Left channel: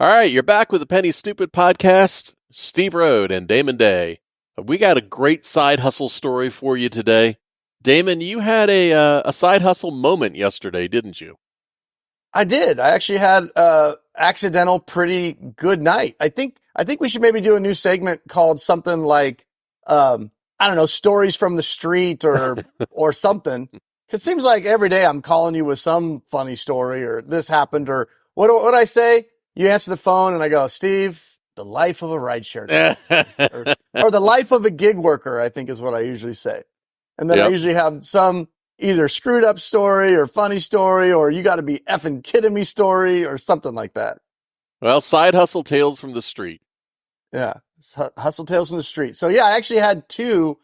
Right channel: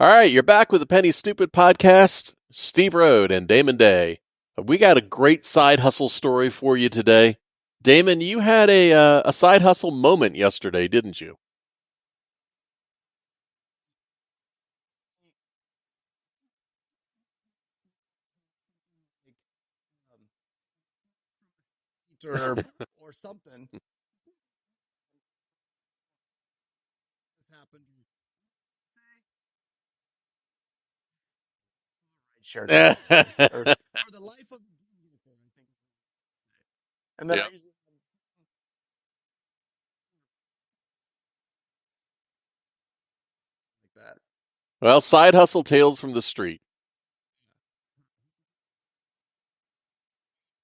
All right, you're back with the Penny Stupid podcast. Steve Rode and Damon Day. We got a great side hustle story for you today. Damon, you had a side hustle moment yesterday, didn't you? I did. I actually had a accidental pretty good night. I think we should maybe do a new segment called something like I don't know, stories from the street or something. 'Cause it seems like every day I'm calling you with some funny story or this happened or what I say? You answer the phone and I go, "Steve, the life of a rideshare driver or the life of a gig worker," I think is what I usually say. And then I Yep. usually have some either screwed up story or funny story or you got to be effing kidding me story or something like that. Well, side hustle tales from the street. Yeah. It's hustle tales from the street. So yeah, I actually had two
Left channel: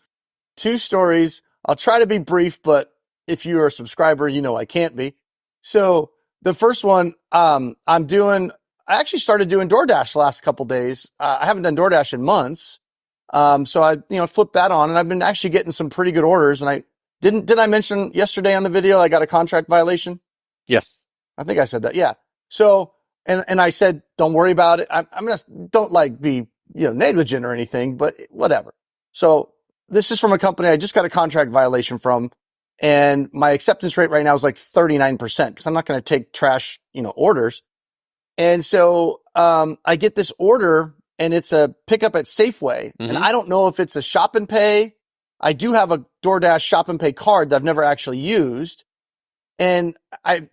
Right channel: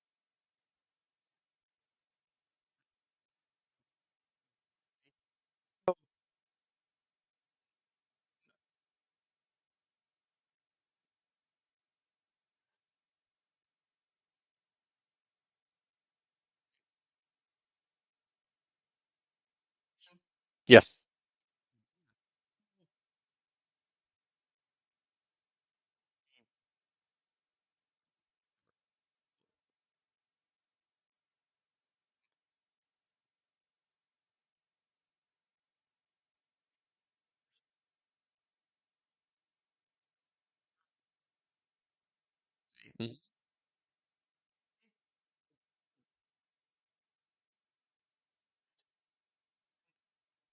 stories. I'll try to be brief, but if you are a subscriber, you know I can't be. So the first one, I actually started doing DoorDash the last couple days. I haven't done DoorDash in months. So I, flipped that on and I've been actually getting some pretty good orders. And did I mention yesterday on the video, I got a contract violation? Yes. I think I said that. Yeah. So, and I said, don't worry about it. I'm just, don't like be, negligent or anything, but whatever. So this is from a company I just got a contract violation from. And my acceptance rate right now is like 39% because I'm not going to take trash, orders. And so I get this order and it's a pickup at Safeway. And Mm-hmm. I don't know if it's a shop and pay. I do have a DoorDash shop and pay card that I've never actually used. And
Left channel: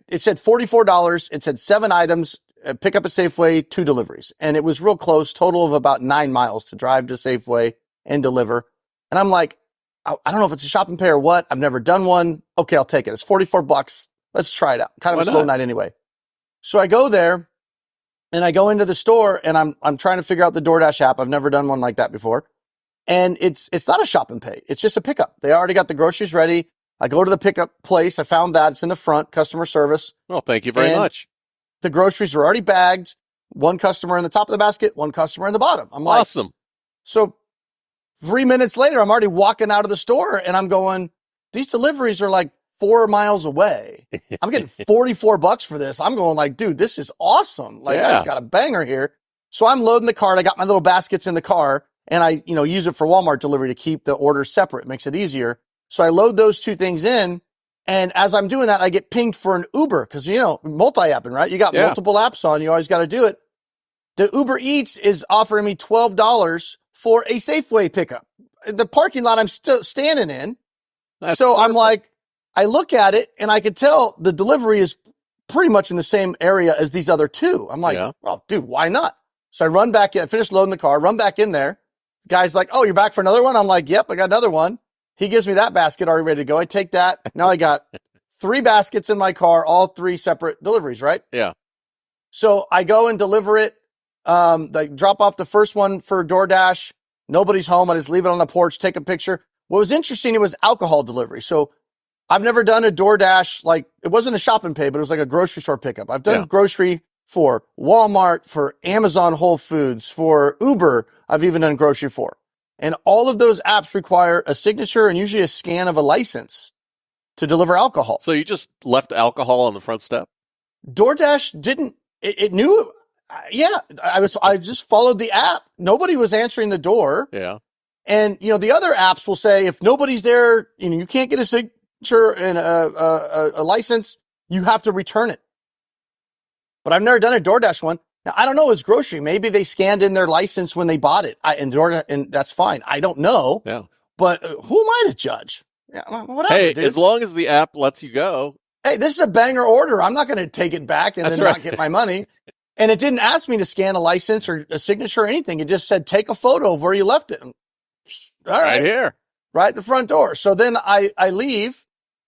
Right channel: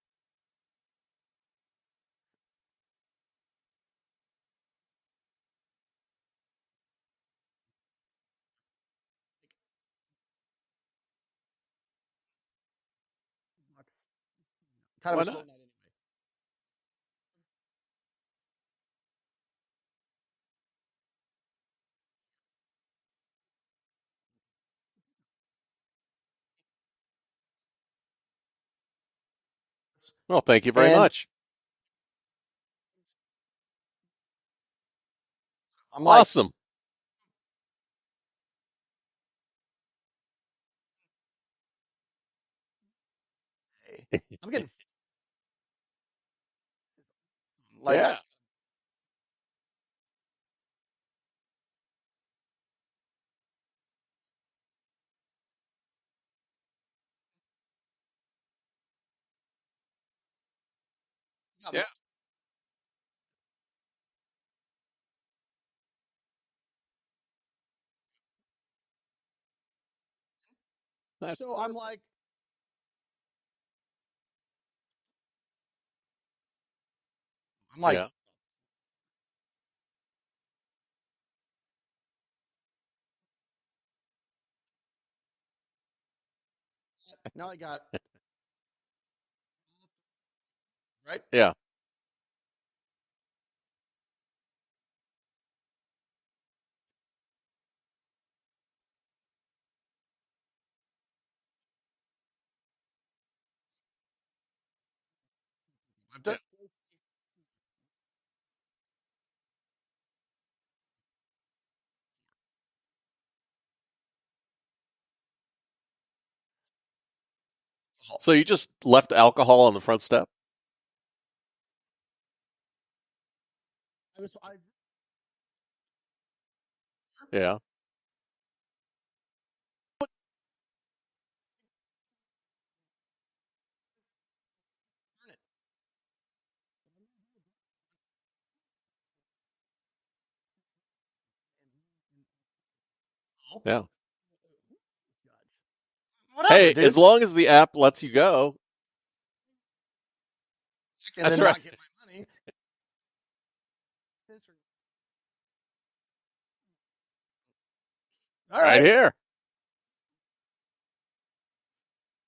it said $44. It said 7 items, pick up at Safeway, 2 deliveries. And it was real close, total of about 9 miles to drive to Safeway and deliver. And I'm like, I don't know if it's a shop and pay or what. I've never done one. Okay, I'll take it. It's $44. Let's try it out. Kind of Why a slow not? night anyway. So I go there and I go into the store and I'm trying to figure out the DoorDash app. I've never done one like that before. And it's not a shop and pay. It's just a pickup. They already got the groceries ready. I go to the pickup place. I found that it's in the front, customer service, Well, thank you very and much. the groceries are already bagged. One customer in the top of the basket, one customer in the bottom. I'm like, Awesome. so 3 minutes later, I'm already walking out of the store and I'm going, these deliveries are like 4 miles away. I'm getting $44 for this. I'm going like, dude, this is awesome. Like, Yeah. that's got a banger here. So I'm loading the cart. I got my little baskets in the car and I, use it for Walmart delivery to keep the orders separate. It makes it easier. So I load those 2 things in. And as I'm doing that, I get pinged for an Uber because, multi-apping, right? You got Yeah. multiple apps on. You always got to do it. The Uber Eats is offering me $12 for a Safeway pickup. The parking lot I'm still standing in. That's So I'm perfect. like, I look at it and I could tell the delivery is pretty much in the same area as these other 2. I'm like, Yeah. well, dude, why not? So I run back in, I finish loading the car, run back in there. Guy's like, oh, you're back for another one? I'm like, yep, I got another one. He gives me that basket already ready to go. I take that. Now I got 3 baskets in my car, all 3 separate deliveries, right? Yeah. So I go and deliver it. Like drop off the first one for DoorDash. Nobody's home. I just leave it on the porch, take a picture. What was interesting, it was alcohol delivery. So I've never done a DoorDash, like it wasn't a shop and pay, but it was like a grocery store pickup. I've done Yeah. grocery for Walmart, for Amazon Whole Foods, for Uber. I've even done grocery for. And all of those apps require a signature and usually a scan of a license to deliver alcohol. So you just left alcohol on the front step? DoorDash didn't, it knew. Yeah, I just followed the app. Nobody was answering the door. Yeah. And, the other apps will say, if nobody's there, you can't get a signature and a license, you have to return it. But I've never done a DoorDash one. Now, I don't know, it's grocery. Maybe they scanned in their license when they bought it. And that's fine. I don't know. Yeah. But who am I to judge? Yeah, whatever, Hey, dude. as long as the app lets you go. Hey, this is a banger order. I'm not going to take it back and That's then right. not get my money. And it didn't ask me to scan a license or a signature or anything. It just said, take a photo of where you left it. All Right here. right at the front door. So then I leave.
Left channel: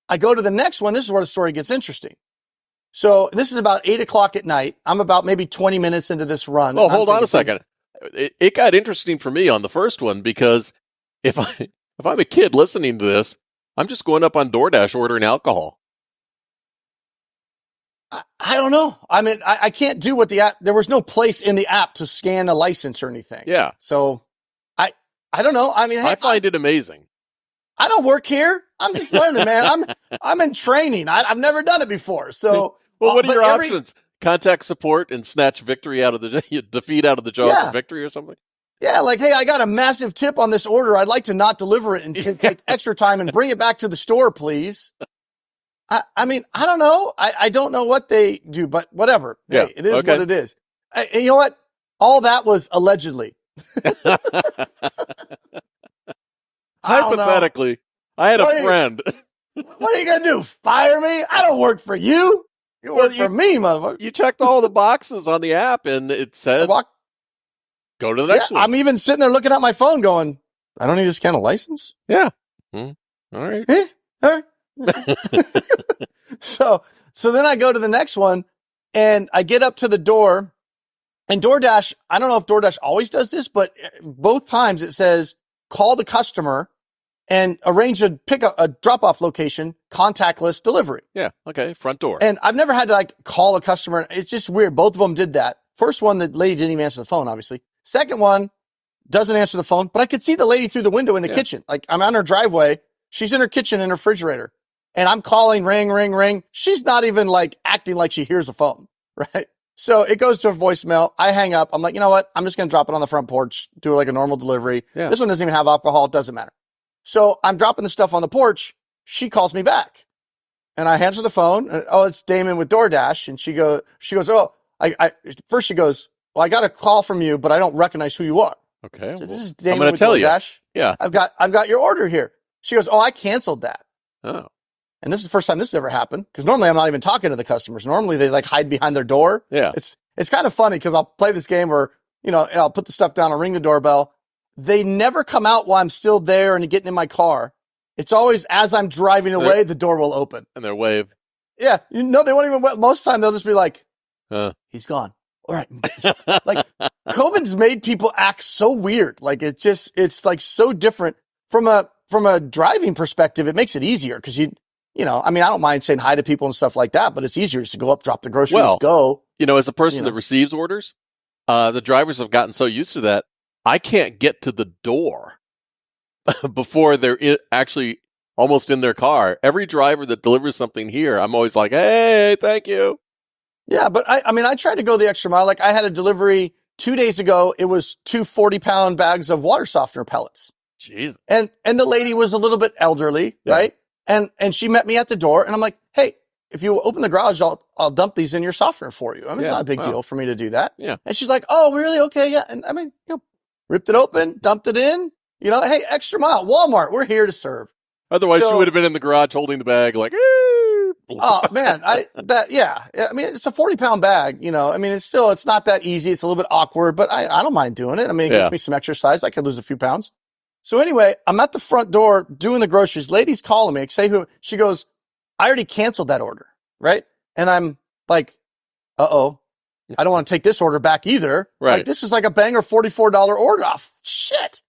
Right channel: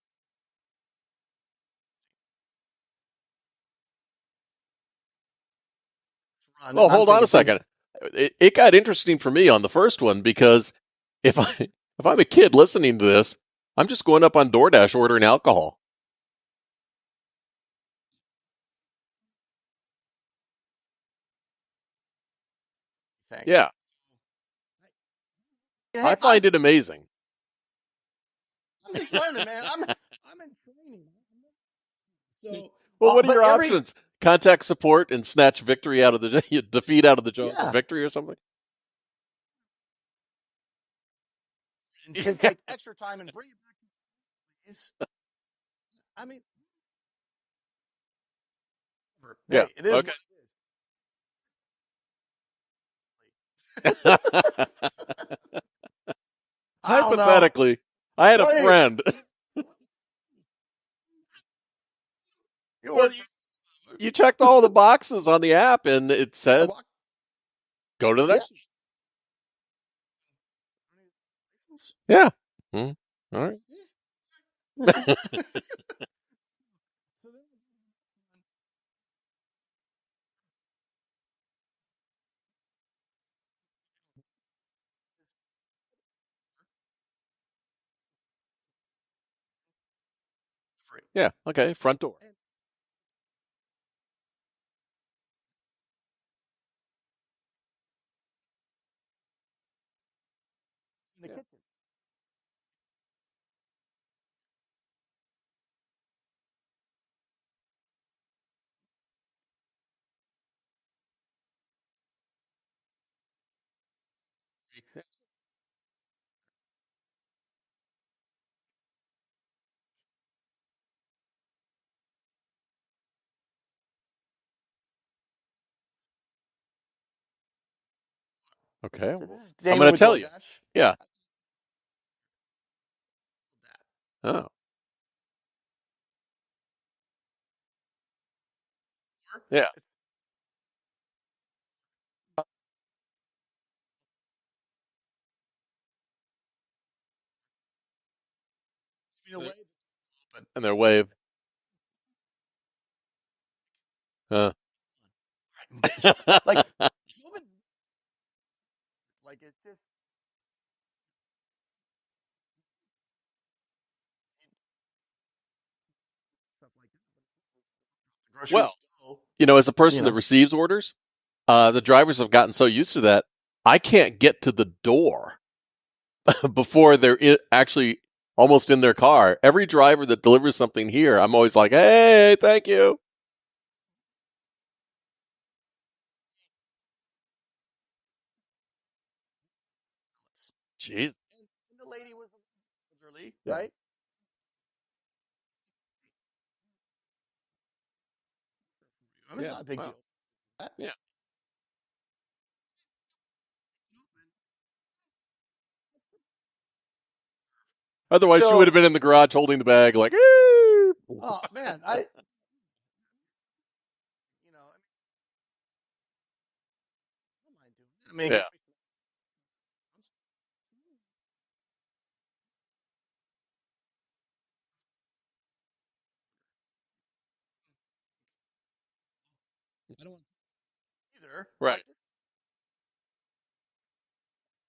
I go to the next one. This is where the story gets interesting. So this is about 8:00 at night. I'm about maybe 20 minutes into this run. Well, and I'm hold on a thinking, second. It got interesting for me on the first one because if I'm a kid listening to this, I'm just going up on DoorDash ordering alcohol. I don't know. I mean, I can't do what the app, there was no place in the app to scan a license or anything. Yeah. So I don't know. I mean, hey, I find it amazing. I don't work here. I'm just learning, man. I'm in training. I've never done it before. So, Well, what are but your options? contact support and snatch victory out of the defeat out of the jaws of Yeah. victory or something? Yeah, like, hey, I got a massive tip on this order. I'd like to not deliver it and can take extra time and bring it back to the store, please. I mean, I don't know. I don't know what they do, but whatever. Yeah, Hey, it is okay. what it is. And you know what? All that was allegedly. I don't know. Hypothetically, I had What a are you- friend. What are you going to do? Fire me? I don't work for you. You Well, work for me, motherfucker. You checked all the boxes on the app, and it I said, walk, go to the yeah, next one. I'm even sitting there looking at my phone going, I don't need to scan a license? Yeah. All right. Eh? All right. So then I go to the next one and I get up to the door, and DoorDash, I don't know if DoorDash always does this, but both times it says call the customer and arrange a drop-off location, contactless delivery. Yeah. Okay. Front door. And I've never had to like call a customer. It's just weird. Both of them did that. First one, the lady didn't even answer the phone, obviously. Second one doesn't answer the phone, but I could see the lady through the window in the kitchen. Like I'm on her driveway. She's in her kitchen in her refrigerator. And I'm calling, ring, ring, ring. She's not even like acting like she hears a phone, right? So it goes to a voicemail. I hang up. I'm like, you know what? I'm just going to drop it on the front porch, do like a normal delivery. Yeah. This one doesn't even have alcohol. It doesn't matter. So I'm dropping the stuff on the porch. She calls me back. And I answer the phone. And, oh, it's Damon with DoorDash. And she goes, oh, first she goes, well, I got a call from you, but I don't recognize who you are. Okay. So this is I'm Damon going to with tell you. DoorDash. Yeah. I've got your order here. She goes, oh, I canceled that. Oh. And this is the first time this has ever happened, because normally I'm not even talking to the customers. Normally they like hide behind their door. Yeah. It's kind of funny because I'll play this game where, I'll put the stuff down and ring the doorbell. They never come out while I'm still there and getting in my car. It's always as I'm driving away, the door will open. And they'll wave. Yeah. They won't even, most of the time they'll just be like, he's gone. All right. Like COVID's made people act so weird. Like it's like so different from a driving perspective. It makes it easier because I don't mind saying hi to people and stuff like that, but it's easier just to go up, drop the groceries, go. As a person that receives orders, the drivers have gotten so used to that. I can't get to the door before they're actually almost in their car. Every driver that delivers something here, I'm always like, hey, thank you. Yeah, but I tried to go the extra mile. Like I had a delivery 2 days ago. It was 2 40-pound bags of water softener pellets. Jeez. And the lady was a little bit elderly, right? And she met me at the door, and I'm like, hey, if you open the garage, I'll dump these in your softener for you. It's not a big deal for me to do that. Yeah. And she's like, oh, really? Okay, yeah. And ripped it open, dumped it in. Hey, extra mile, Walmart, we're here to serve. Otherwise, you would have been in the garage holding the bag like, oh man, it's a 40-pound bag. It's not that easy. It's a little bit awkward, but I don't mind doing it. It gets me some exercise. I could lose a few pounds. So anyway, I'm at the front door doing the groceries. Lady's calling me. She goes, I already canceled that order, right? And I'm like, uh-oh, I don't want to take this order back either. Right. Like this is like a banger $44 order off. Shit.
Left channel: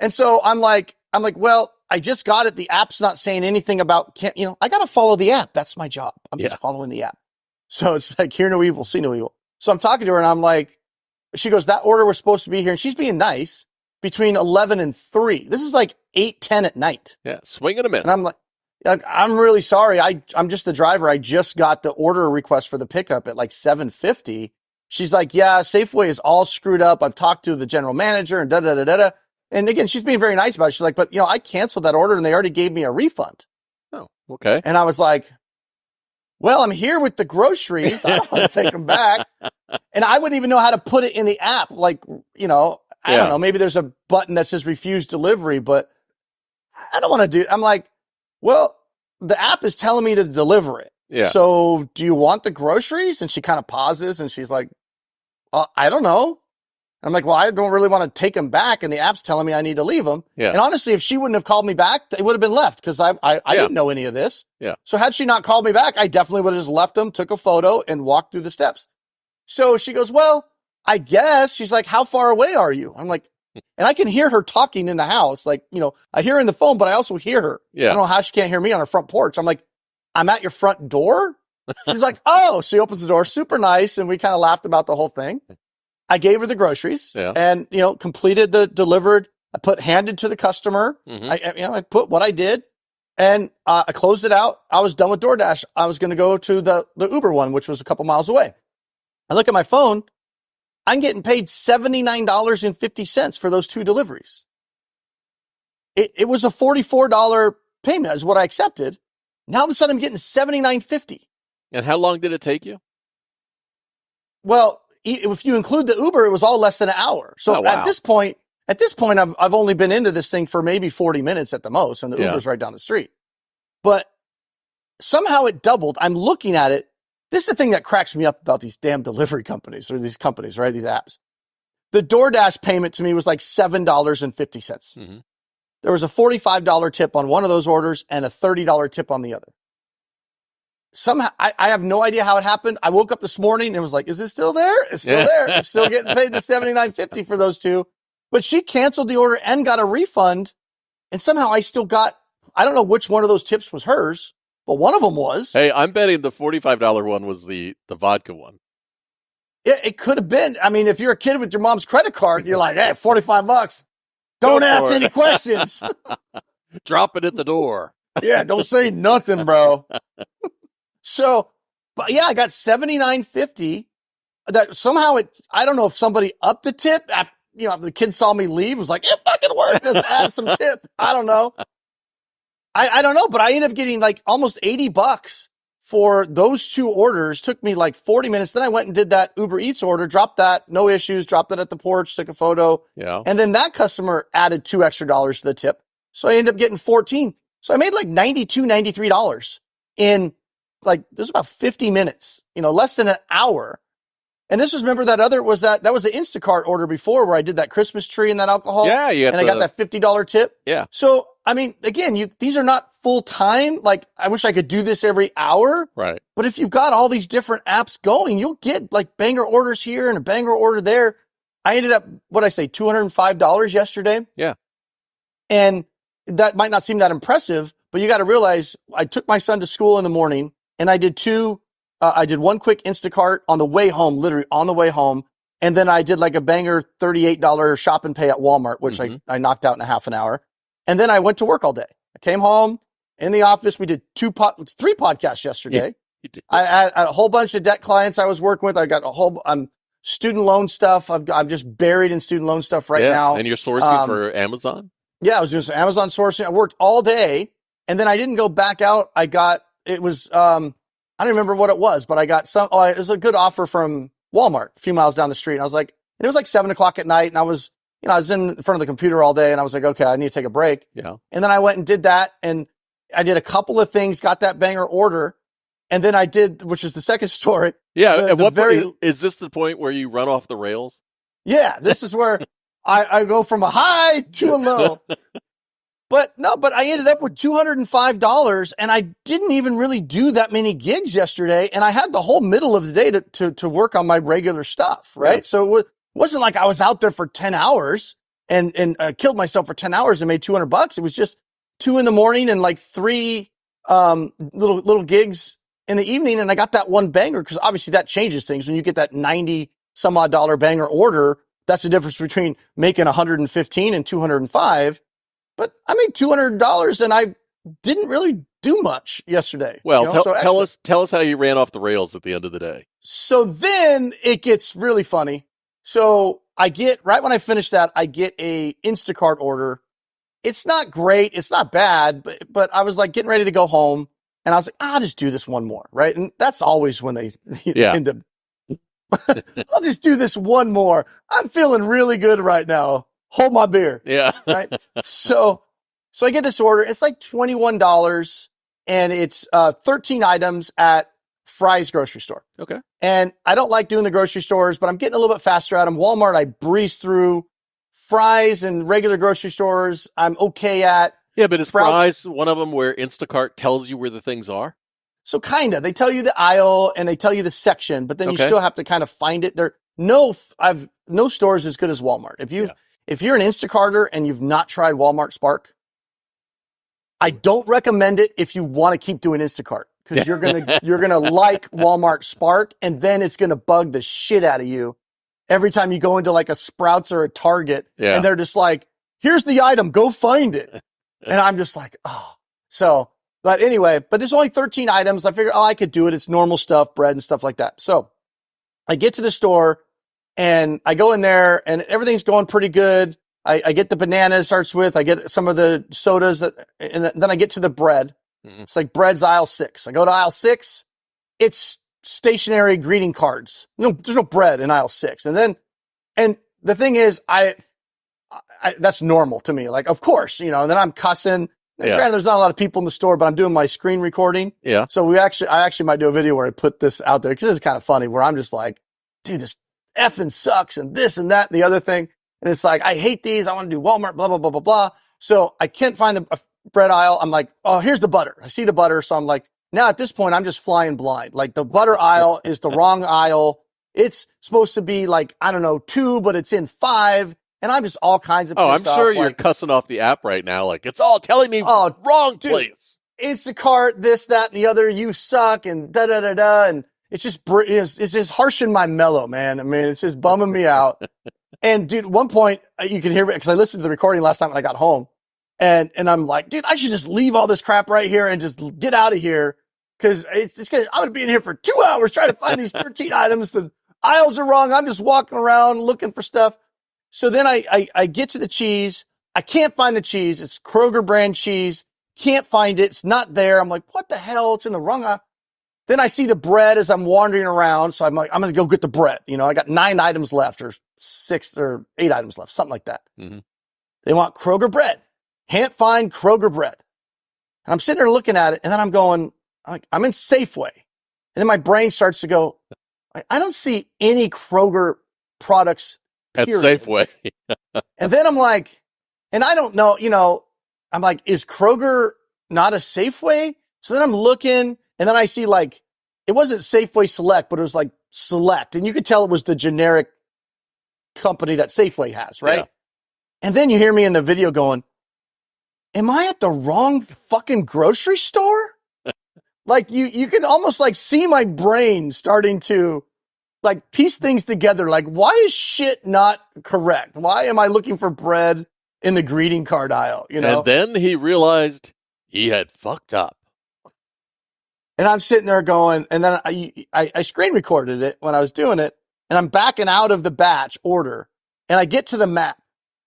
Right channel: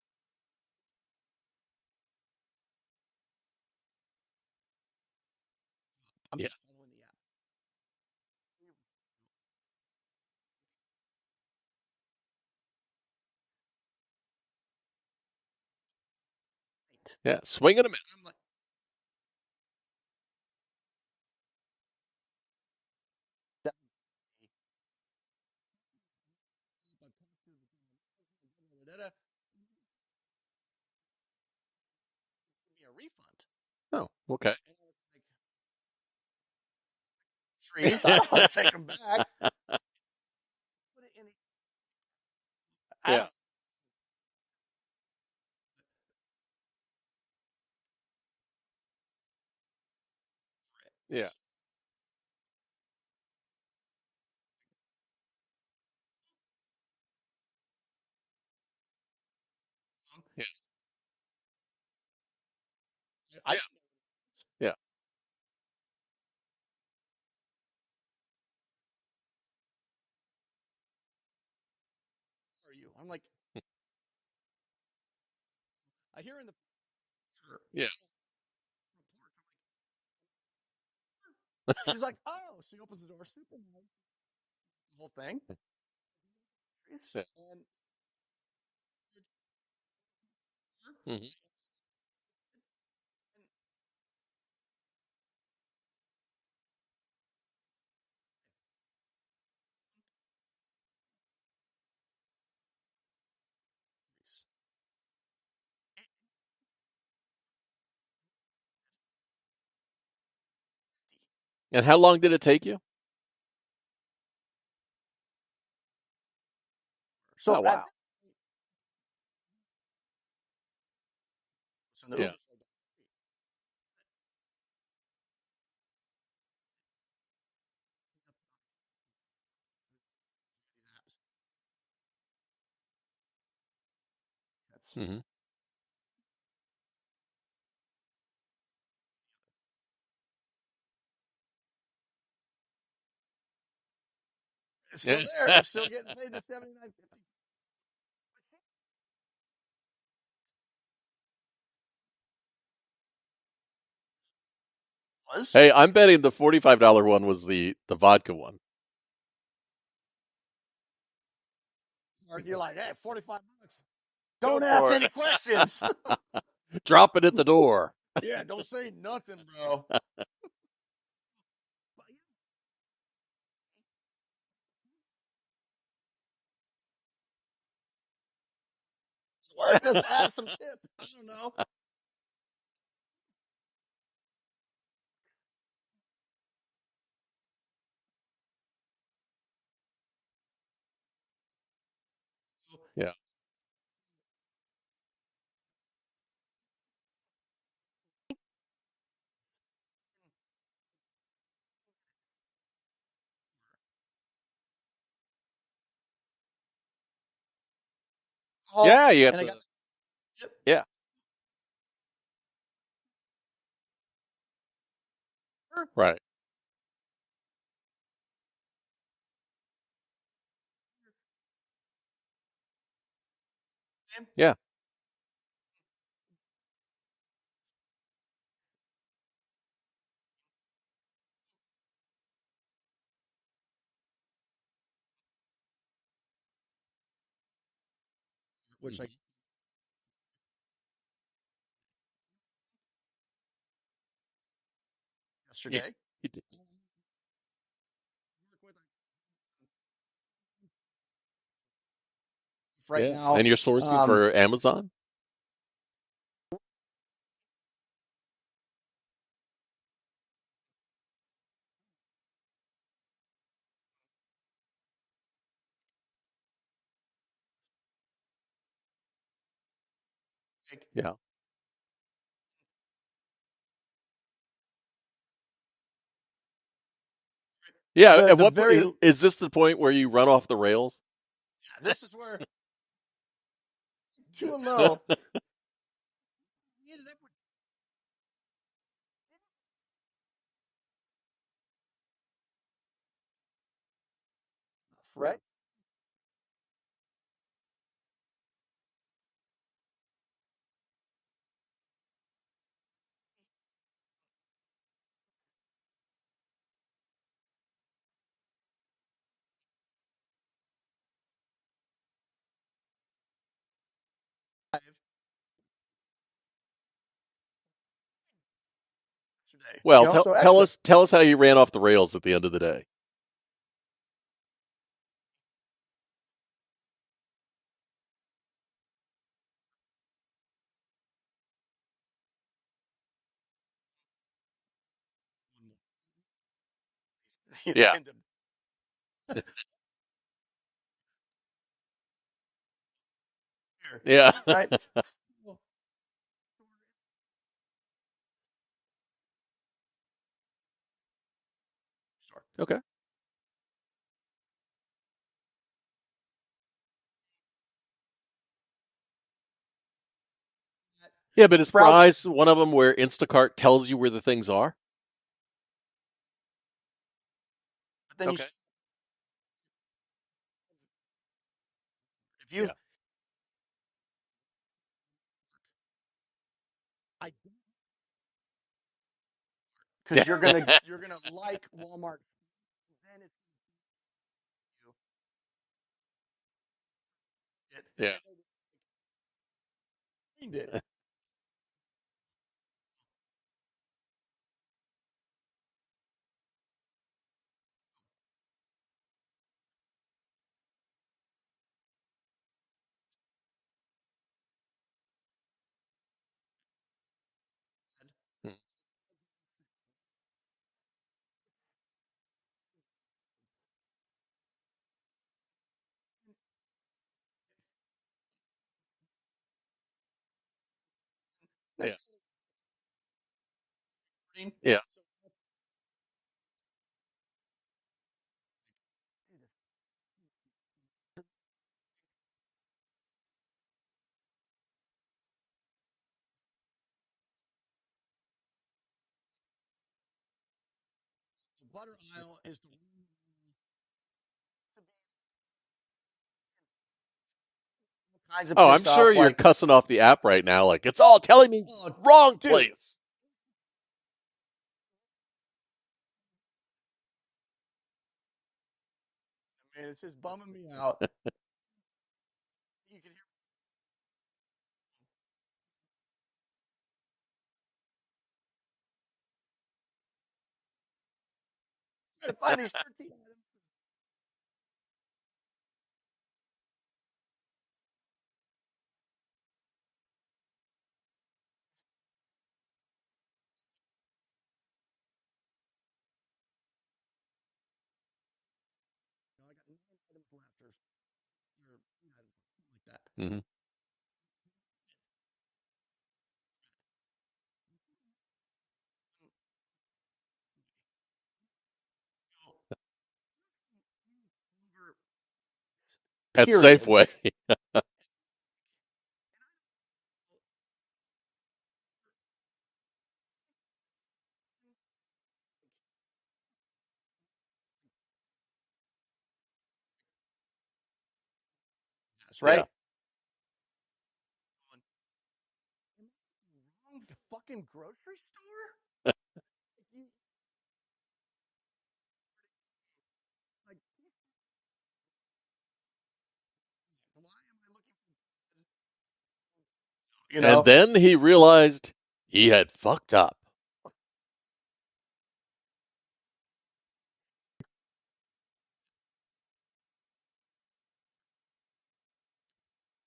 And so I'm like, well, I just got it. The app's not saying anything about, I got to follow the app. That's my job. I'm just following the app. So it's like, hear no evil, see no evil. So I'm talking to her and I'm like, she goes, that order was supposed to be here. And she's being nice between 11 and 3. This is like 8:10 at night. Yeah. Swinging them in. And I'm like, I'm really sorry. I'm just the driver. I just got the order request for the pickup at like 7:50. She's like, yeah, Safeway is all screwed up. I've talked to the general manager and da-da-da-da-da. And again, she's being very nice about it. She's like, but I canceled that order and they already gave me a refund. Oh, okay. And I was like, well, I'm here with the groceries. I don't want to take them back. And I wouldn't even know how to put it in the app. Like, I don't know. Maybe there's a button that says refuse delivery, but I don't want to do it. I'm like, well, the app is telling me to deliver it. Yeah. So do you want the groceries? And she kind of pauses and she's like, I don't know. I'm like, well, I don't really want to take them back. And the app's telling me I need to leave them. Yeah. And honestly, if she wouldn't have called me back, they would have been left because I didn't know any of this. Yeah. So had she not called me back, I definitely would have just left them, took a photo and walked through the steps. So she goes, well, I guess. She's like, how far away are you? I'm like, and I can hear her talking in the house. Like, I hear her in the phone, but I also hear her. Yeah. I don't know how she can't hear me on her front porch. I'm like, I'm at your front door? She's like, oh, she opens the door, super nice. And we kind of laughed about the whole thing. I gave her the groceries and, completed the delivered. I handed to the customer. Mm-hmm. I put what I did and I closed it out. I was done with DoorDash. I was going to go to the Uber one, which was a couple miles away. I look at my phone. I'm getting paid $79.50 for those 2 deliveries. It was a $44 payment is what I accepted. Now all of a sudden I'm getting $79.50. And how long did it take you? Well, if you include the Uber, it was all less than an hour. So Oh, wow. at this point, I've only been into this thing for maybe 40 minutes at the most, and the Uber's right down the street. But somehow it doubled. I'm looking at it. This is the thing that cracks me up about these damn delivery companies or these companies, right? These apps. The DoorDash payment to me was like $7.50. Mm-hmm. There was a $45 tip on one of those orders and a $30 tip on the other. Somehow, I have no idea how it happened. I woke up this morning and was like, is it still there? It's still there. I'm still getting paid the $79.50 for those 2. But she canceled the order and got a refund. And somehow I still got, I don't know which one of those tips was hers, but one of them was. Hey, I'm betting the $45 one was the vodka one. It could have been. I mean, if you're a kid with your mom's credit card, you're like, hey, $45. Don't ask any questions. Drop it at the door. Yeah, don't say nothing, bro. So, but yeah, I got $79.50. That somehow I don't know if somebody upped the tip. After, the kid saw me leave, was like, it fucking worked. Let's add some tip. I don't know. I don't know, but I ended up getting like almost $80 for those 2 orders. Took me like 40 minutes. Then I went and did that Uber Eats order, dropped that, no issues, dropped it at the porch, took a photo. Yeah. And then that customer added $2 extra to the tip. So I ended up getting 14. So I made like $92, $93 in like, this was about 50 minutes, less than an hour. And this was, remember that was the Instacart order before where I did that Christmas tree and that alcohol. Yeah. I got that $50 tip. Yeah. So, I mean, again, these are not full time. Like, I wish I could do this every hour. Right. But if you've got all these different apps going, you'll get like banger orders here and a banger order there. I ended up, $205 yesterday. Yeah. And that might not seem that impressive, but you got to realize I took my son to school in the morning and I did one quick Instacart on the way home, literally on the way home. And then I did like a banger $38 shop and pay at Walmart, which I knocked out in a half an hour. And then I went to work all day. I came home in the office. We did 3 podcasts yesterday. Yeah, I had a whole bunch of debt clients I was working with. I got student loan stuff. I'm just buried in student loan stuff right now. And you're sourcing for Amazon? Yeah, I was doing some Amazon sourcing. I worked all day and then I didn't go back out. I don't remember what it was, but I got it was a good offer from Walmart a few miles down the street. And I was like, and it was like 7:00 at night. And I was in front of the computer all day and I was like, okay, I need to take a break. Yeah. And then I went and did that. And I did a couple of things, got that banger order. And then I did, which is the second story. Yeah. Is this the point where you run off the rails? Yeah. This is where I go from a high to a low. But I ended up with $205 and I didn't even really do that many gigs yesterday. And I had the whole middle of the day to work on my regular stuff. Right. Yeah. So it wasn't like I was out there for 10 hours and killed myself for 10 hours and made $200. It was just 2 a.m. and like 3 little gigs in the evening. And I got that one banger because obviously that changes things. When you get that $90 some odd banger order, that's the difference between making $115 and $205. But I made $200 and I didn't really do much yesterday. Well, tell us how you ran off the rails at the end of the day. So then it gets really funny. So right when I finish that, I get a Instacart order. It's not great. It's not bad, but I was like getting ready to go home and I was like, I'll just do this one more. Right. And that's always when they end up, I'll just do this one more. I'm feeling really good right now. Hold my beer. Yeah. Right. So I get this order. It's like $21 and it's 13 items at Fry's grocery store. Okay. And I don't like doing the grocery stores, but I'm getting a little bit faster at them. Walmart, I breeze through. Fry's and regular grocery stores, I'm okay at. Yeah, but is Fry's one of them where Instacart tells you where the things are? So kind of. They tell you the aisle and they tell you the section, but then you still have to kind of find it. No stores as good as Walmart. If you're an Instacarter and you've not tried Walmart Spark, I don't recommend it if you want to keep doing Instacart because you're gonna like Walmart Spark and then it's gonna bug the shit out of you every time you go into like a Sprouts or a Target and they're just like, here's the item, go find it. And I'm just like, oh. So, but anyway, there's only 13 items. I figured, I could do it. It's normal stuff, bread and stuff like that. So I get to the store and I go in there and everything's going pretty good. I get the bananas, starts with, I get some of the sodas, and then I get to the bread. Mhm. It's like bread's aisle 6. I go to aisle 6. It's stationary greeting cards. No, there's no bread in aisle 6. And the thing is, that's normal to me. Like, of course, and then I'm cussing. Yeah. Granted, there's not a lot of people in the store, but I'm doing my screen recording. Yeah. So I actually might do a video where I put this out there because it's kind of funny where I'm just like, dude, this effing sucks and this and that and the other thing. And it's like, I hate these. I want to do Walmart, blah, blah, blah, blah, blah. So I can't find the bread aisle. I'm like, oh, here's the butter. I see the butter. So I'm like, now at this point, I'm just flying blind. Like the butter aisle is the wrong aisle. It's supposed to be like, I don't know, 2, but it's in 5. And I'm just all kinds of pissed I'm sure off, you're like, cussing off the app right now. Like, it's all telling me wrong dude, place. Instacart, this, that, and the other, you suck, and da-da-da-da. And it's just harshing my mellow, man. I mean, it's just bumming me out. And, dude, at one point, you can hear me, because I listened to the recording last time when I got home. And I'm like, dude, I should just leave all this crap right here and just get out of here. Because I'm going to be in here for 2 hours trying to find these 13 items. The aisles are wrong. I'm just walking around looking for stuff. So then I get to the cheese. I can't find the cheese. It's Kroger brand cheese. Can't find it. It's not there. I'm like, what the hell? It's in the wrong aisle. Then I see the bread as I'm wandering around. So I'm like, I'm going to go get the bread. I got 9 items left or 6 or 8 items left, something like that. Mm-hmm. They want Kroger bread. Can't find Kroger bread. And I'm sitting there looking at it. And then I'm going, I'm in Safeway. And then my brain starts to go, I don't see any Kroger products. At period. Safeway. And then I'm like, and I don't know, I'm like, is Kroger not a Safeway? So then I'm looking, and then I see like, it wasn't Safeway Select, but it was like Select. And you could tell it was the generic company that Safeway has, right? Yeah. And then you hear me in the video going, am I at the wrong fucking grocery store? Like you can almost like see my brain starting to like piece things together. Like, why is shit not correct? Why am I looking for bread in the greeting card aisle? And then he realized he had fucked up. And I'm sitting there going, and then I screen recorded it when I was doing it, and I'm backing out of the batch order, and I get to the map.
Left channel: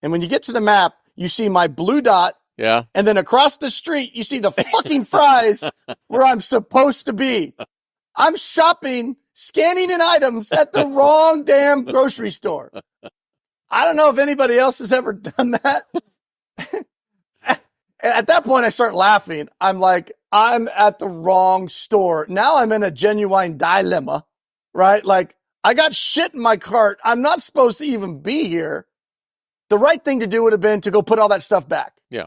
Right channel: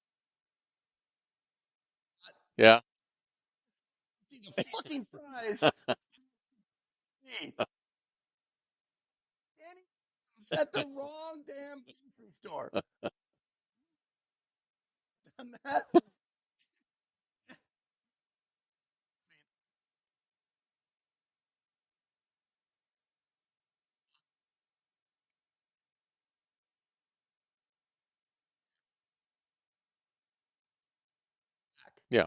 And when you get to the map, you see my blue dot. Yeah. And then across the street, you see the fucking fries where I'm supposed to be. I'm shopping, scanning in items at the wrong damn grocery store. I don't know if anybody else has ever done that. At that point, I start laughing. I'm like, I'm at the wrong store. Now I'm in a genuine dilemma, right? Like, I got shit in my cart. I'm not supposed to even be here. The right thing to do would have been to go put all that stuff back. Yeah.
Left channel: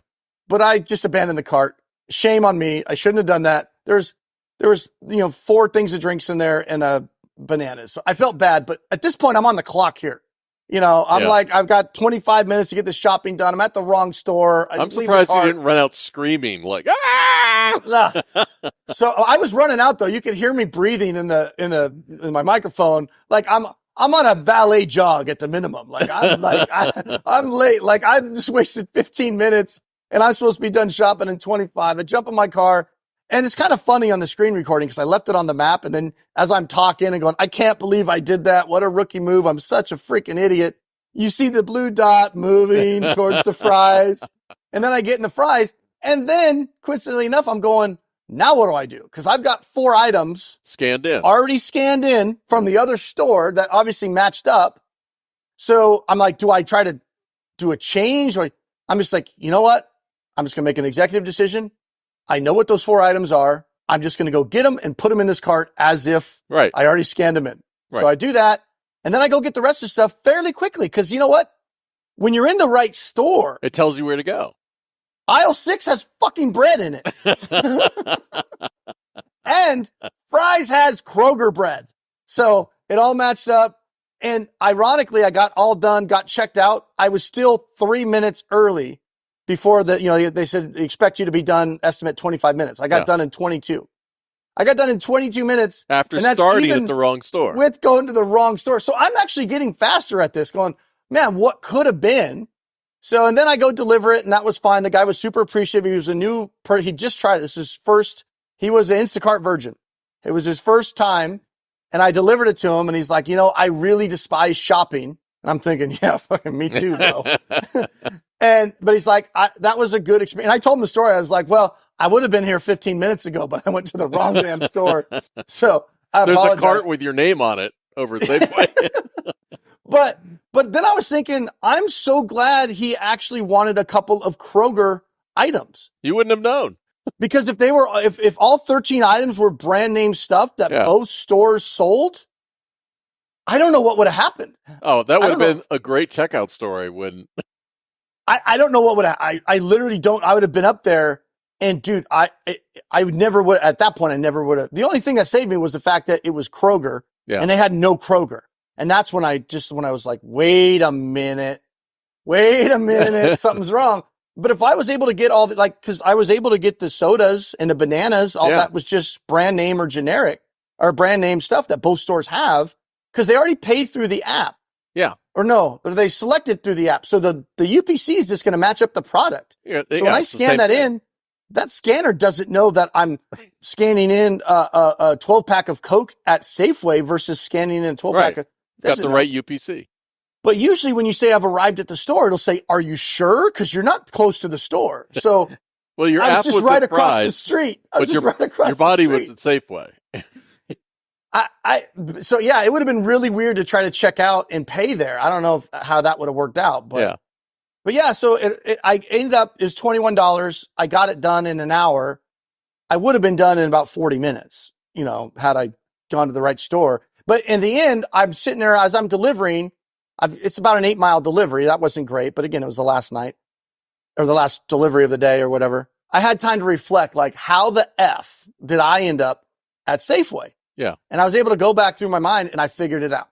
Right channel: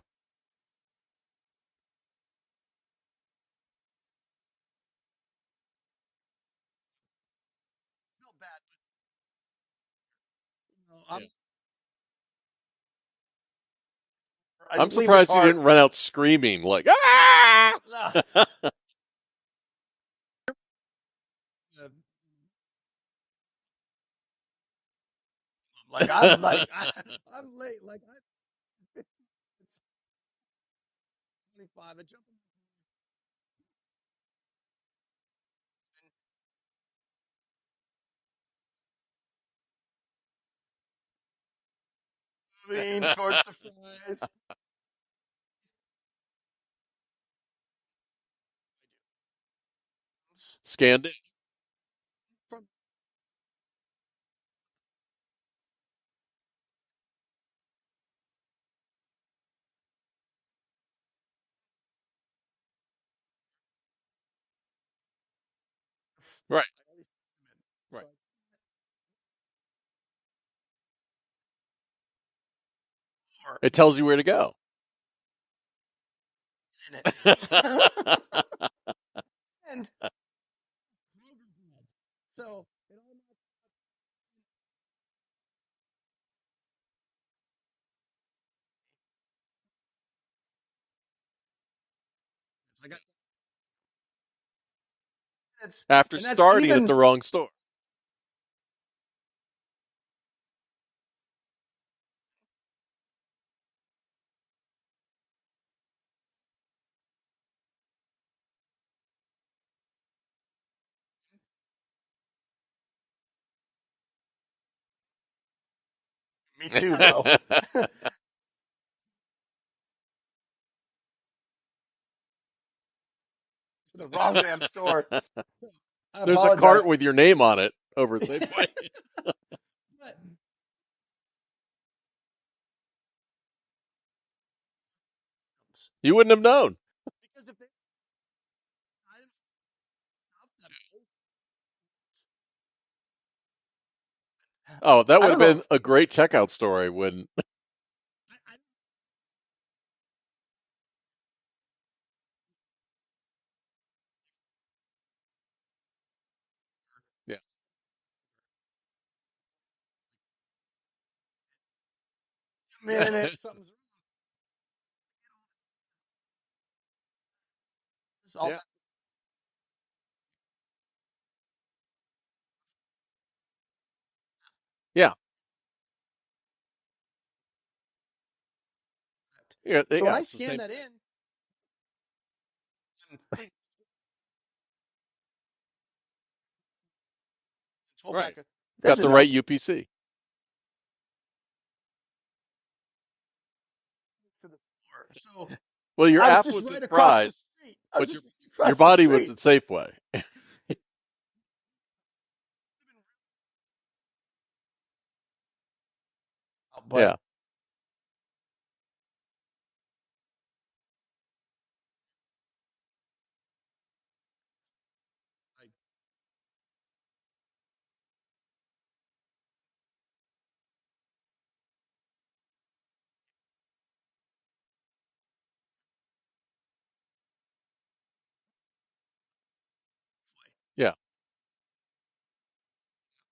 But I just abandoned the cart. Shame on me. I shouldn't have done that. There was 4 things of drinks in there and bananas. So I felt bad, but at this point I'm on the clock here. I'm like, I've got 25 minutes to get the shopping done. I'm at the wrong store. I'm surprised you didn't run out screaming like, ah! So I was running out though. You could hear me breathing in my microphone. Like I'm on a valet jog at the minimum. Like I'm late. Like I just wasted 15 minutes. And I'm supposed to be done shopping in 25. I jump in my car, and it's kind of funny on the screen recording because I left it on the map. And then as I'm talking and going, I can't believe I did that. What a rookie move. I'm such a freaking idiot. You see the blue dot moving towards the fries. And then I get in the fries. And then, coincidentally enough, I'm going, now what do I do? Because I've got 4 items already scanned in from the other store that obviously matched up. So I'm like, do I try to do a change? Or I'm just like, you know what? I'm just going to make an executive decision. I know what those 4 items are. I'm just going to go get them and put them in this cart as if I already scanned them in. Right. So I do that. And then I go get the rest of the stuff fairly quickly. Because you know what? When you're in the right store, it tells you where to go. Aisle 6 has fucking bread in it. And fries has Kroger bread. So it all matched up. And ironically, I got all done, got checked out. I was still 3 minutes early before they said expect you to be done, estimate 25 minutes. I got done in 22. I got done in 22 minutes. After starting at the wrong store. With going to the wrong store. So I'm actually getting faster at this, going, man, what could have been? So, and then I go deliver it, and that was fine. The guy was super appreciative. He was he just tried it. This is his first, he was an Instacart virgin. It was his first time. And I delivered it to him, and he's like, I really despise shopping. And I'm thinking, yeah, fucking me too, bro. But he's like, that was a good experience. And I told him the story. I was like, well, I would have been here 15 minutes ago, but I went to the wrong damn store. So I There's apologize. a cart with your name on it over at Safeway. But then I was thinking, I'm so glad he actually wanted a couple of Kroger items. You wouldn't have known. Because if all 13 items were brand name stuff that both stores sold, I don't know what would have happened. Oh, that would have been a great checkout story when I don't know what would I literally don't. I would have been up there, and dude, I would never would at that point. I never would have. The only thing that saved me was the fact that it was Kroger, and they had no Kroger, and that's when I was like, wait a minute, something's wrong. But if I was able to get all the because I was able to get the sodas and the bananas, all that was just brand name or generic or brand name stuff that both stores have because they already paid through the app. Yeah. Or no, or they selected through the app. So the UPC is just going to match up the product. Yeah, so when I scan that in, that scanner doesn't know that I'm scanning in a 12-pack of Coke at Safeway versus scanning in a 12-pack of... Got the right UPC. But usually when you say I've arrived at the store, it'll say, are you sure? Because you're not close to the store. So well, your I app was just right across the street. Your body was at Safeway. So yeah, it would have been really weird to try to check out and pay there. I don't know how that would have worked out, but yeah. So I ended up, it was $21. I got it done in an hour. I would have been done in about 40 minutes, had I gone to the right store. But in the end, I'm sitting there as I'm delivering. It's about an 8-mile delivery. That wasn't great, but again, it was the last night or the last delivery of the day or whatever. I had time to reflect, like, how the F did I end up at Safeway? Yeah. And I was able to go back through my mind and I figured it out.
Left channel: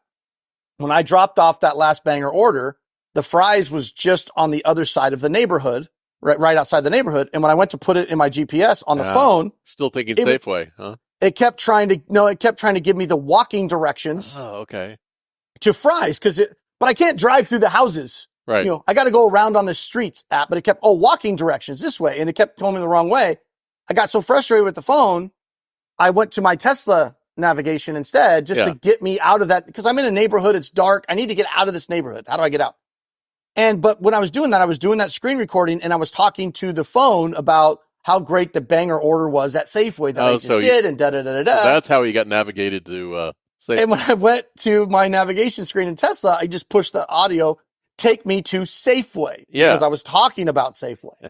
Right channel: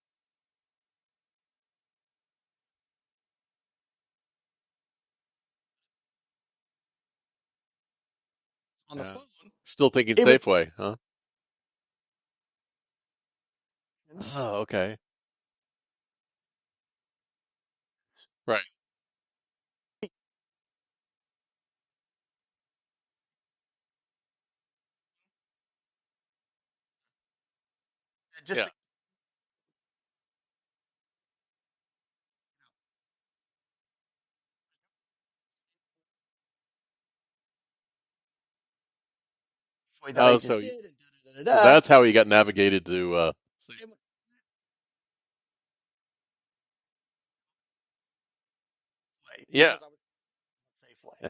When I dropped off that last banger order, the Fry's was just on the other side of the neighborhood, right outside the neighborhood. And when I went to put it in my GPS on the phone, still thinking Safeway, huh? It kept trying to give me the walking directions. Oh, okay. To Fry's but I can't drive through the houses. Right. I got to go around on the streets app, but it kept, walking directions this way. And it kept telling me the wrong way. I got so frustrated with the phone. I went to my Tesla navigation instead just to get me out of that because I'm in a neighborhood. It's dark. I need to get out of this neighborhood. How do I get out? But when I was doing that screen recording and I was talking to the phone about how great the banger order was at Safeway that I just did and da-da-da-da-da. So that's how he got navigated to Safeway. And when I went to my navigation screen in Tesla, I just pushed the audio, take me to Safeway because I was talking about Safeway.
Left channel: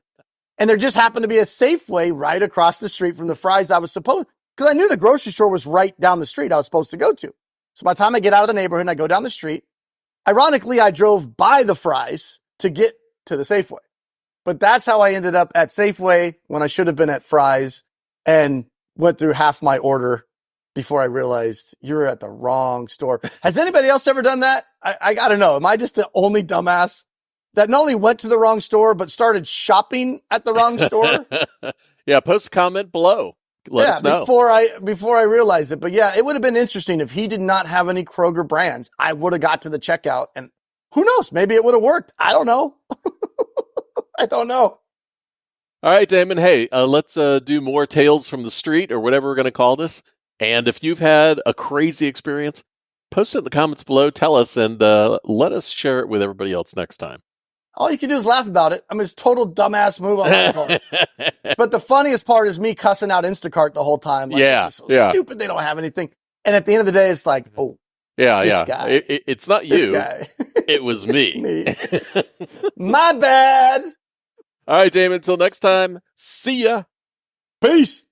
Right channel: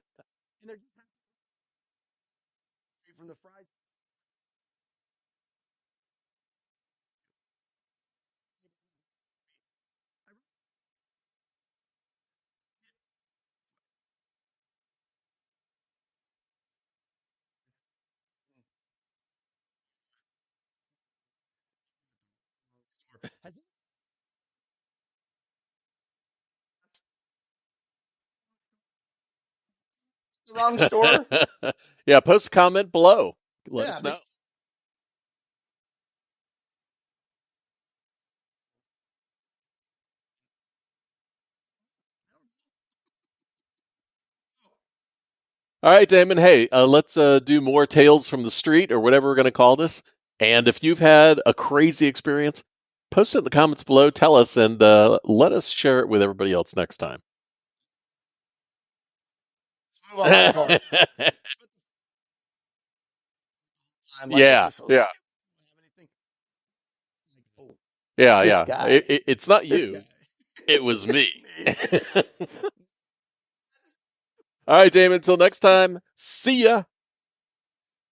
And there just happened to be a Safeway right across the street from the Fry's I was supposed because I knew the grocery store was right down the street I was supposed to go to. So by the time I get out of the neighborhood and I go down the street, ironically, I drove by the Fry's to get to the Safeway. But that's how I ended up at Safeway when I should have been at Fry's and went through half my order before I realized you're at the wrong store. Has anybody else ever done that? I got to know. Am I just the only dumbass that not only went to the wrong store, but started shopping at the wrong store? Yeah, post a comment below. Let us know. Before I realized it. But yeah, it would have been interesting if he did not have any Kroger brands. I would have got to the checkout and who knows? Maybe it would have worked. I don't know. I don't know. All right, Damon. Hey, let's do more tales from the street or whatever we're going to call this. And if you've had a crazy experience, post it in the comments below. Tell us and let us share it with everybody else next time. All you can do is laugh about it. I mean, it's total dumbass move on my part. But the funniest part is me cussing out Instacart the whole time. Like, this is so stupid. They don't have anything. And at the end of the day, it's like, this guy. It's not you. This guy. It was me. Me. My bad. All right, Damon. Until next time. See ya. Peace.